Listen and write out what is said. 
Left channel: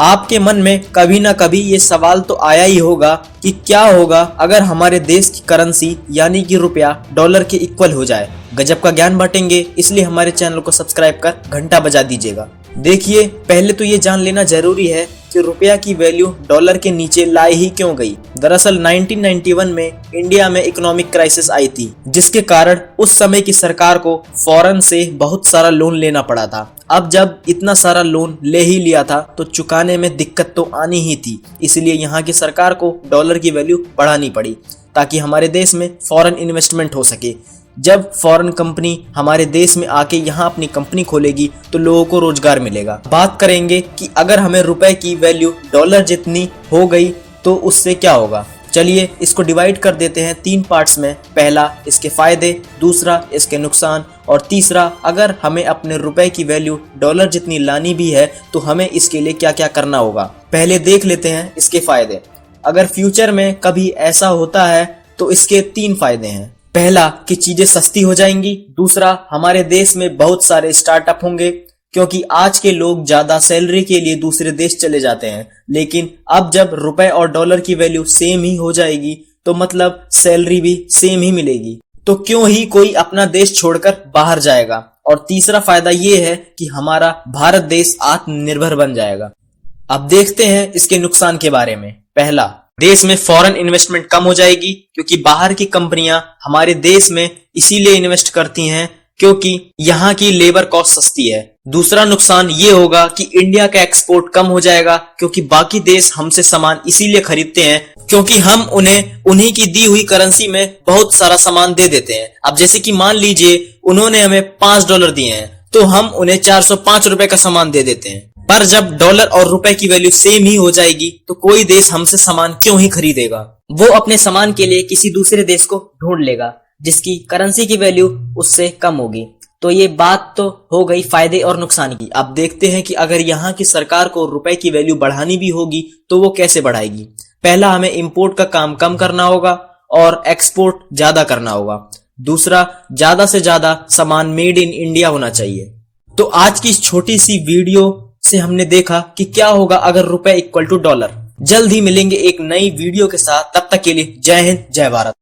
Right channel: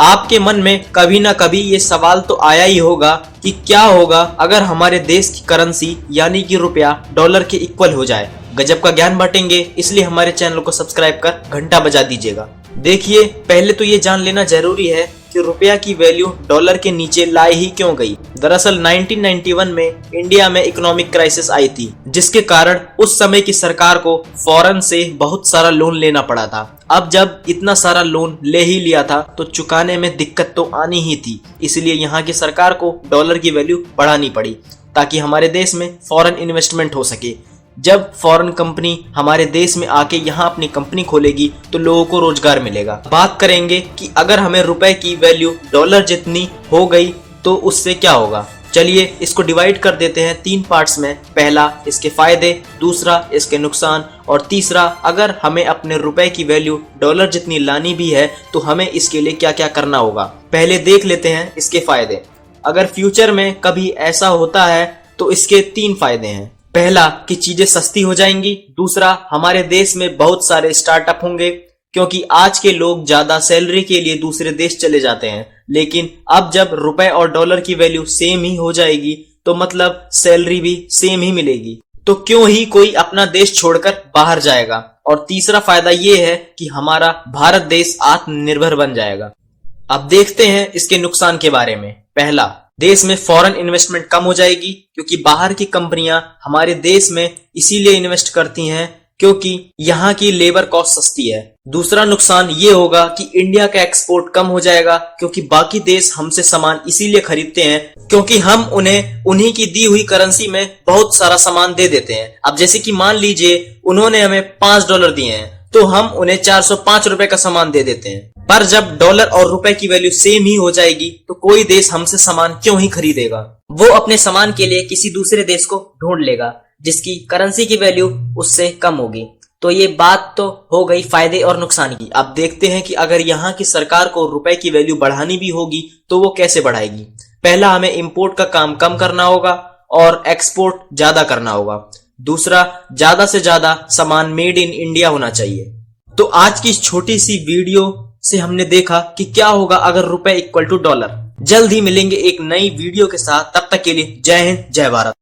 आपके मन में कभी ना कभी ये सवाल तो आया ही होगा कि क्या होगा अगर हमारे देश की करेंसी यानी कि रुपया डॉलर के इक्वल हो जाए। गजब का ज्ञान बांटेंगे, इसलिए हमारे चैनल को सब्सक्राइब कर घंटा बजा दीजिएगा। देखिए, पहले तो ये जान लेना जरूरी है कि रुपया की वैल्यू डॉलर के नीचे लाई ही क्यों गई। दरअसल 1991 में इंडिया में इकोनॉमिक क्राइसिस आई थी, जिसके कारण उस समय की सरकार को फॉरेन से बहुत सारा लोन लेना पड़ा था। अब जब इतना सारा लोन ले ही लिया था तो चुकाने में दिक्कत तो आनी ही थी, इसलिए यहाँ की सरकार को डॉलर की वैल्यू बढ़ानी पड़ी ताकि हमारे देश में फॉरेन इन्वेस्टमेंट हो सके। जब फॉरेन कंपनी हमारे देश में आके यहाँ अपनी कंपनी खोलेगी तो लोगों को रोजगार मिलेगा। बात करेंगे कि अगर हमें रुपए की वैल्यू डॉलर जितनी हो गई तो उससे क्या होगा। चलिए इसको डिवाइड कर देते हैं 3 पार्ट्स में। पहला इसके फायदे, दूसरा इसके नुकसान और तीसरा अगर हमें अपने रुपए की वैल्यू डॉलर जितनी लानी भी है तो हमें इसके लिए क्या क्या करना होगा। पहले देख लेते हैं इसके फायदे। अगर फ्यूचर में कभी ऐसा होता है तो इसके 3 फायदे हैं। पहला कि चीजें सस्ती हो जाएंगी, दूसरा हमारे देश में बहुत सारे स्टार्टअप होंगे क्योंकि आज के लोग ज्यादा सैलरी के लिए दूसरे देश चले जाते हैं, लेकिन अब जब रुपए और डॉलर की वैल्यू सेम ही हो जाएगी तो मतलब सैलरी भी सेम ही मिलेगी, तो क्यों ही कोई अपना देश छोड़कर बाहर जाएगा। और तीसरा फायदा ये है कि हमारा भारत देश आत्मनिर्भर बन जाएगा। अब देखते हैं इसके नुकसान के बारे में। पहला, देश में फॉरेन इन्वेस्टमेंट कम हो जाएगी क्योंकि बाहर की कंपनियां हमारे देश में इसीलिए इन्वेस्ट करती हैं क्योंकि यहाँ की लेबर कॉस्ट सस्ती है। दूसरा नुकसान ये होगा कि इंडिया का एक्सपोर्ट कम हो जाएगा क्योंकि बाकी देश हमसे सामान इसीलिए खरीदते हैं क्योंकि हम उन्हें उन्हीं की दी हुई करेंसी में बहुत सारा सामान दे देते हैं। अब जैसे कि मान लीजिए उन्होंने हमें $5 दिए हैं तो हम उन्हें 405 रुपए का सामान दे देते हैं। पर जब डॉलर और रुपए की वैल्यू सेम ही हो जाएगी तो कोई देश हमसे सामान क्यों ही खरीदेगा। वो अपने सामान के लिए किसी दूसरे देश को ढूंढ लेगा जिसकी करेंसी की वैल्यू उससे कम होगी। तो ये बात तो हो गई फायदे और नुकसान की। अब देखते हैं कि अगर यहाँ की सरकार को रुपए की वैल्यू बढ़ानी भी होगी तो वो कैसे बढ़ाएगी। पहला, हमें इंपोर्ट का काम कम करना होगा और एक्सपोर्ट ज्यादा करना होगा। दूसरा, ज्यादा से ज्यादा सामान मेड इन इंडिया होना चाहिए। तो आज की इस छोटी सी वीडियो से हमने देखा कि क्या होगा अगर रुपए इक्वल टू डॉलर। जल्द ही मिलेंगे एक नई वीडियो के साथ, तब तक के लिए जय हिंद जय भारत।